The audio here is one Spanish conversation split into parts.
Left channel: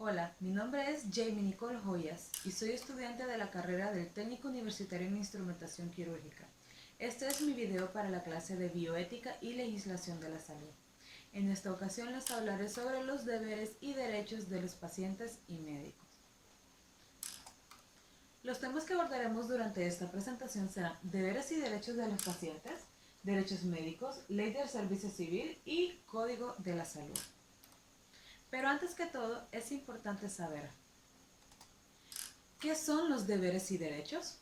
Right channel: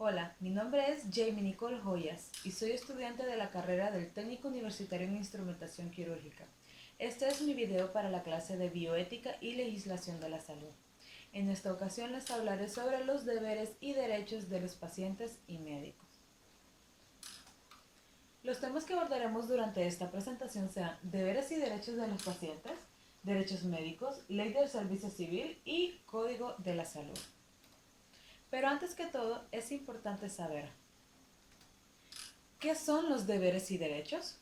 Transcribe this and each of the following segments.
Hola, mi nombre es Jamie Nicole Joyas y soy estudiante de la carrera del Técnico Universitario en Instrumentación Quirúrgica. Este es mi video para la clase de Bioética y Legislación de la Salud. En esta ocasión les hablaré sobre los deberes y derechos de los pacientes y médicos. Los temas que abordaremos durante esta presentación serán deberes y derechos de los pacientes, derechos médicos, ley del servicio civil y código de la salud. Pero antes que todo, es importante saber ¿qué son los deberes y derechos?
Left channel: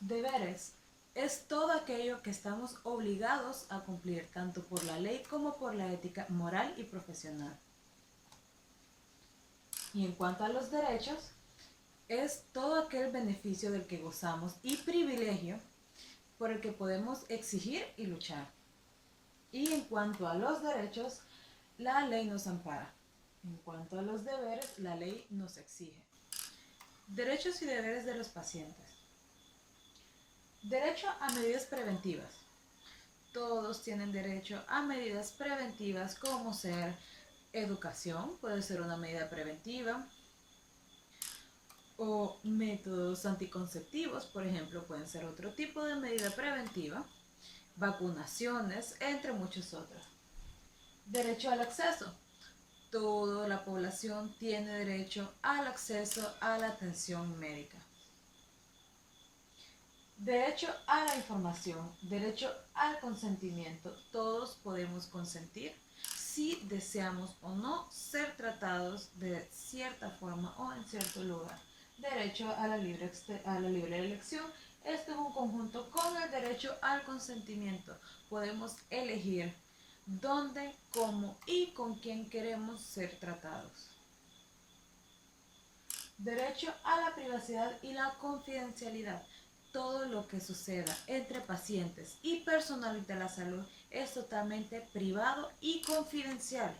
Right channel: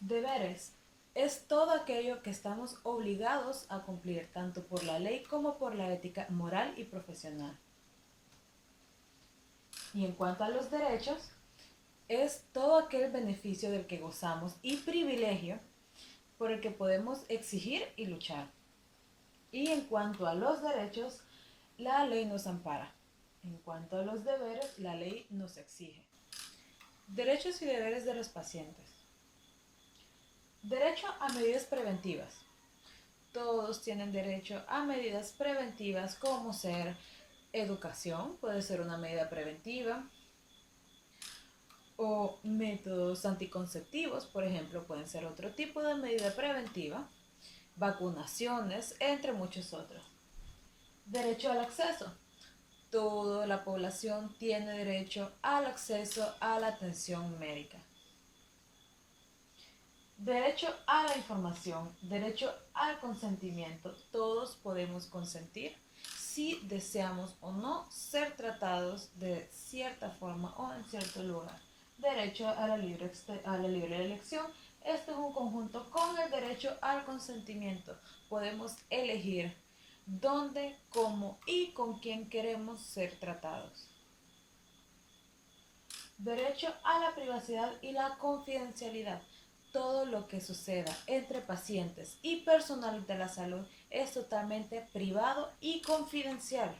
Deberes es todo aquello que estamos obligados a cumplir tanto por la ley como por la ética moral y profesional. Y en cuanto a los derechos, es todo aquel beneficio del que gozamos y privilegio por el que podemos exigir y luchar. Y en cuanto a los derechos, la ley nos ampara. En cuanto a los deberes, la ley nos exige. Derechos y deberes de los pacientes. Derecho a medidas preventivas. Todos tienen derecho a medidas preventivas como ser educación, puede ser una medida preventiva, o métodos anticonceptivos, por ejemplo, pueden ser otro tipo de medida preventiva, vacunaciones, entre muchos otros. Derecho al acceso. Toda la población tiene derecho al acceso a la atención médica. Derecho a la información, derecho al consentimiento. Todos podemos consentir si deseamos o no ser tratados de cierta forma o en cierto lugar. Derecho a la libre elección. Esto es un conjunto con el derecho al consentimiento. Podemos elegir dónde, cómo y con quién queremos ser tratados. Derecho a la privacidad y la confidencialidad. Todo lo que suceda entre pacientes y personal de la salud es totalmente privado y confidencial.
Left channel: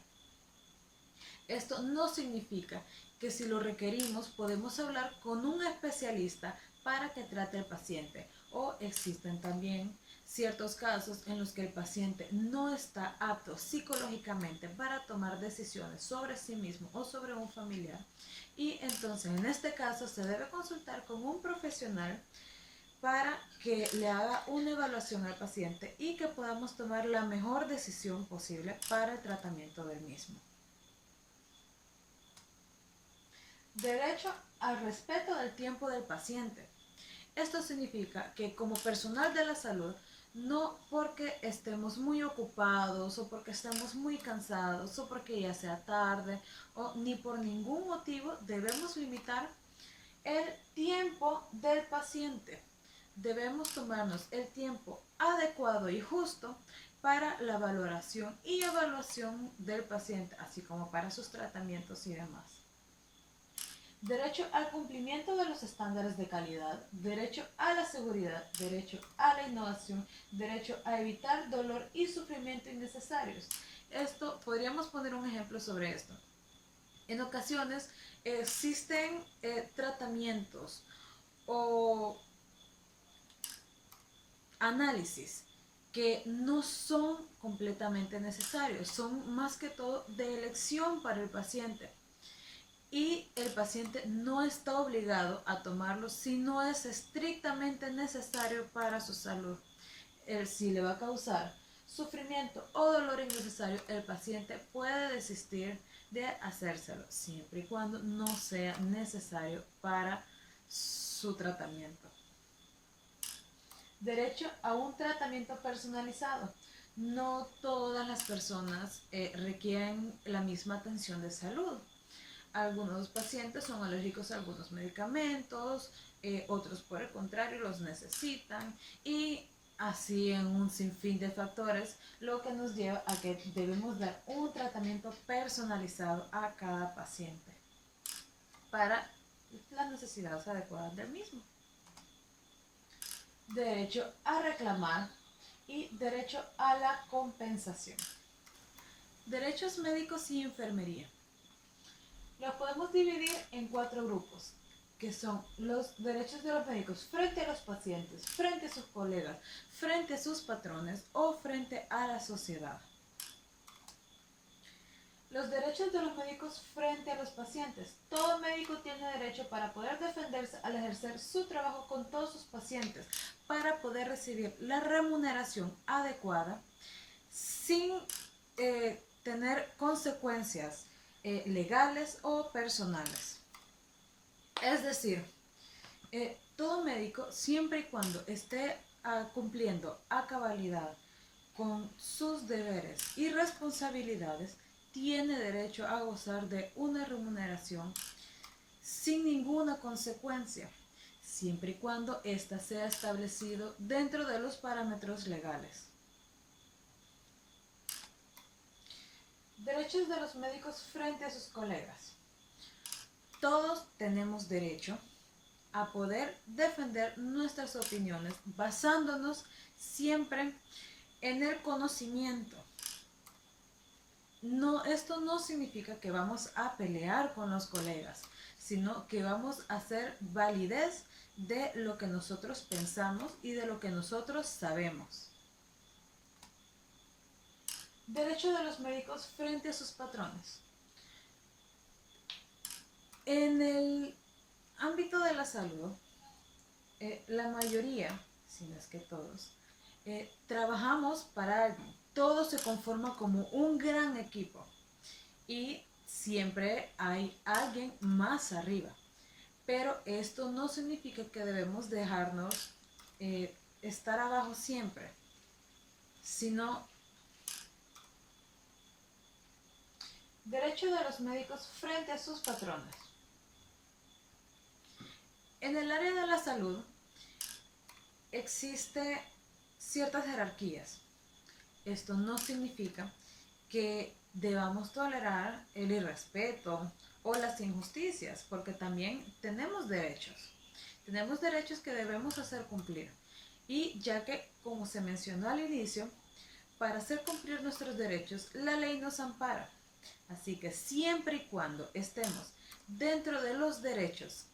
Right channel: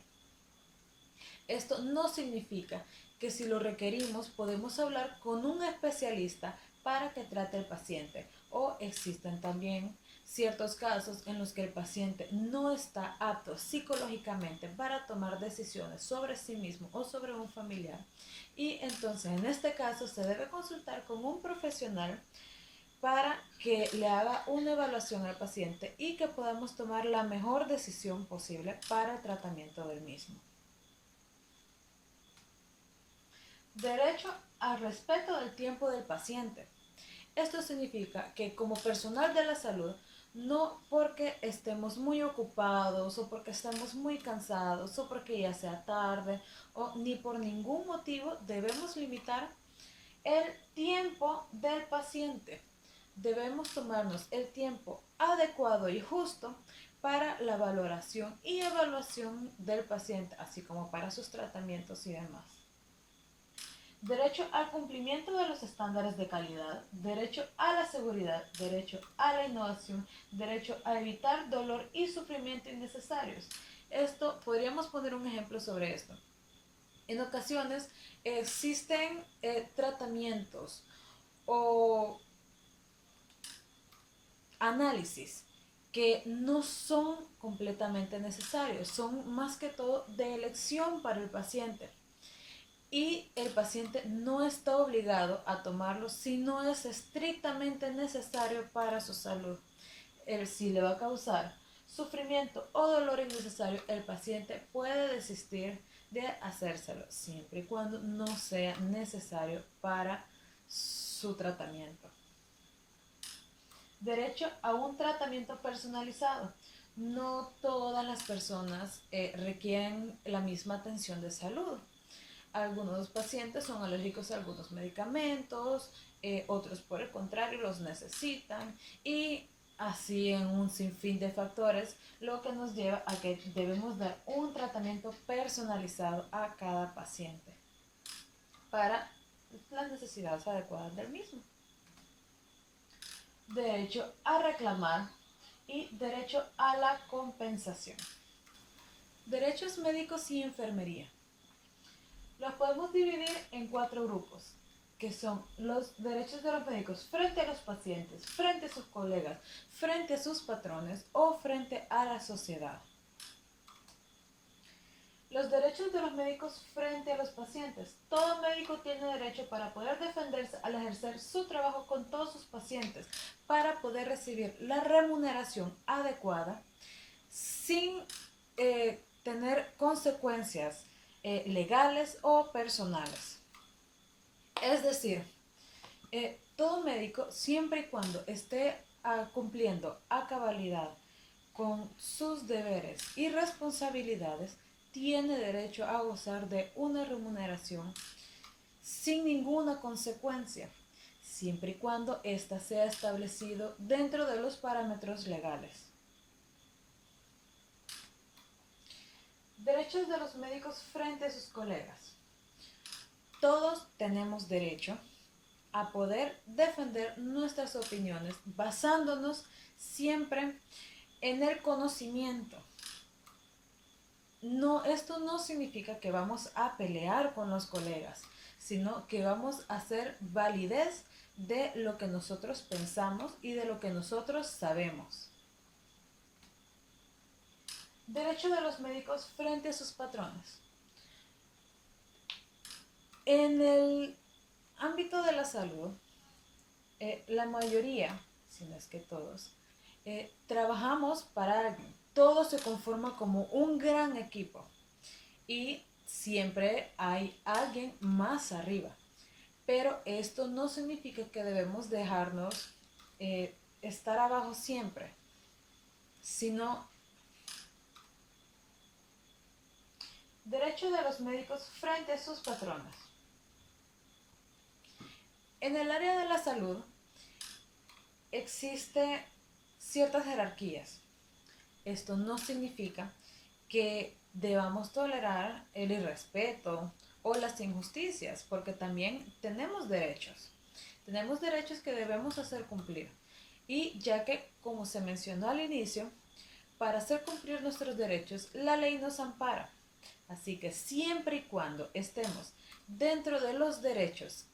Esto no significa que si lo requerimos podemos hablar con un especialista para que trate al paciente, o existen también ciertos casos en los que el paciente no está apto psicológicamente para tomar decisiones sobre sí mismo o sobre un familiar, y entonces en este caso se debe consultar con un profesional para que le haga una evaluación al paciente y que podamos tomar la mejor decisión posible para el tratamiento del mismo. Derecho al respeto del tiempo del paciente. Esto significa que como personal de la salud, no porque estemos muy ocupados o porque estemos muy cansados o porque ya sea tarde o ni por ningún motivo debemos limitar el tiempo del paciente. Debemos tomarnos el tiempo adecuado y justo para la valoración y evaluación del paciente, así como para sus tratamientos y demás. Derecho al cumplimiento de los estándares de calidad, derecho a la seguridad, derecho a la innovación, derecho a evitar dolor y sufrimiento innecesarios. Esto, podríamos poner un ejemplo sobre esto. En ocasiones existen tratamientos o análisis que no son completamente necesarios, son más que todo de elección para el paciente. Y el paciente no está obligado a tomarlo si no es estrictamente necesario para su salud. Si le va a causar sufrimiento o dolor innecesario, el paciente puede desistir de hacérselo, siempre y cuando no sea necesario para su tratamiento. Derecho a un tratamiento personalizado. No todas las personas requieren la misma atención de salud. Algunos pacientes son alérgicos a algunos medicamentos, otros por el contrario los necesitan, y así en un sinfín de factores, lo que nos lleva a que debemos dar un tratamiento personalizado a cada paciente para las necesidades adecuadas del mismo. Derecho a reclamar y derecho a la compensación. Derechos médicos y enfermería. Los podemos dividir en 4 grupos, que son los derechos de los médicos frente a los pacientes, frente a sus colegas, frente a sus patrones o frente a la sociedad. Los derechos de los médicos frente a los pacientes. Todo médico tiene derecho para poder defenderse al ejercer su trabajo con todos sus pacientes, para poder recibir la remuneración adecuada sin tener consecuencias legales o personales. Es decir, todo médico, siempre y cuando esté cumpliendo a cabalidad con sus deberes y responsabilidades, tiene derecho a gozar de una remuneración sin ninguna consecuencia, siempre y cuando ésta sea establecido dentro de los parámetros legales. Derechos de los médicos frente a sus colegas. Todos tenemos derecho a poder defender nuestras opiniones basándonos siempre en el conocimiento. No, esto no significa que vamos a pelear con los colegas, sino que vamos a hacer validez de lo que nosotros pensamos y de lo que nosotros sabemos. Derecho de los médicos frente a sus patrones. En el ámbito de la salud, la mayoría, si no es que todos, trabajamos para alguien. Todo se conforma como un gran equipo y siempre hay alguien más arriba. Pero esto no significa que debemos dejarnos estar abajo siempre, sino derecho de los médicos frente a sus patrones. En el área de la salud existe ciertas jerarquías. Esto no significa que debamos tolerar el irrespeto o las injusticias, porque también tenemos derechos. Tenemos derechos que debemos hacer cumplir. Y ya que, como se mencionó al inicio, para hacer cumplir nuestros derechos, la ley nos ampara. Así que siempre y cuando estemos dentro de los derechos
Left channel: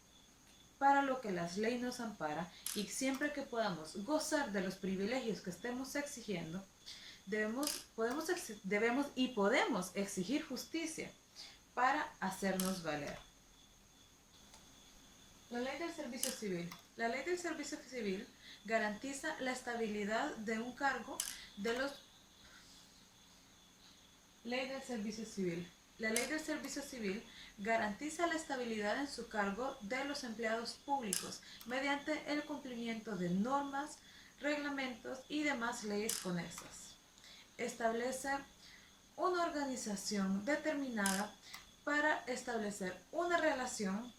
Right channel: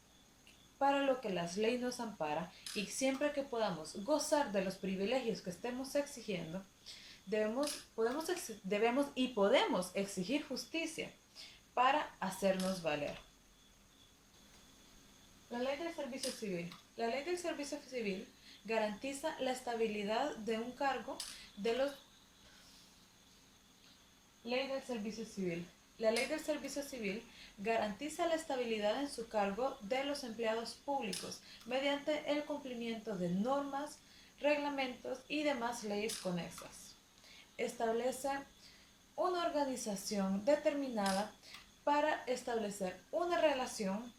para lo que las leyes nos ampara y siempre que podamos gozar de los privilegios que estemos exigiendo, debemos y podemos exigir justicia para hacernos valer. La ley del servicio civil. La ley del servicio civil garantiza la estabilidad de un cargo de los... Ley del servicio civil. La ley del servicio civil garantiza la estabilidad en su cargo de los empleados públicos mediante el cumplimiento de normas, reglamentos y demás leyes conexas. Establece una organización determinada para establecer una relación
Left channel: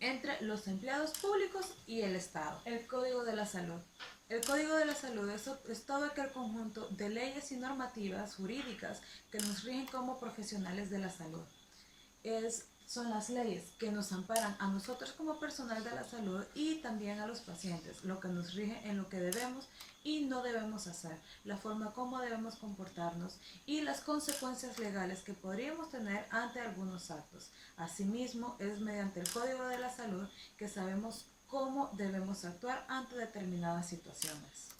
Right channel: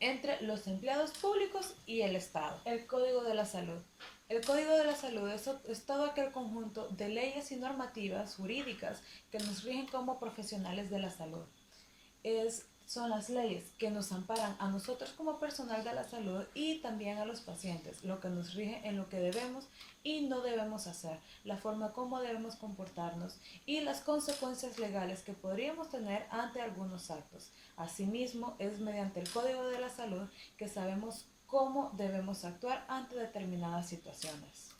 entre los empleados públicos y el Estado. El Código de la Salud. El Código de la Salud es todo aquel conjunto de leyes y normativas jurídicas que nos rigen como profesionales de la salud. Son las leyes que nos amparan a nosotros como personal de la salud y también a los pacientes, lo que nos rige en lo que debemos y no debemos hacer, la forma como debemos comportarnos y las consecuencias legales que podríamos tener ante algunos actos. Asimismo, es mediante el Código de la Salud que sabemos cómo debemos actuar ante determinadas situaciones.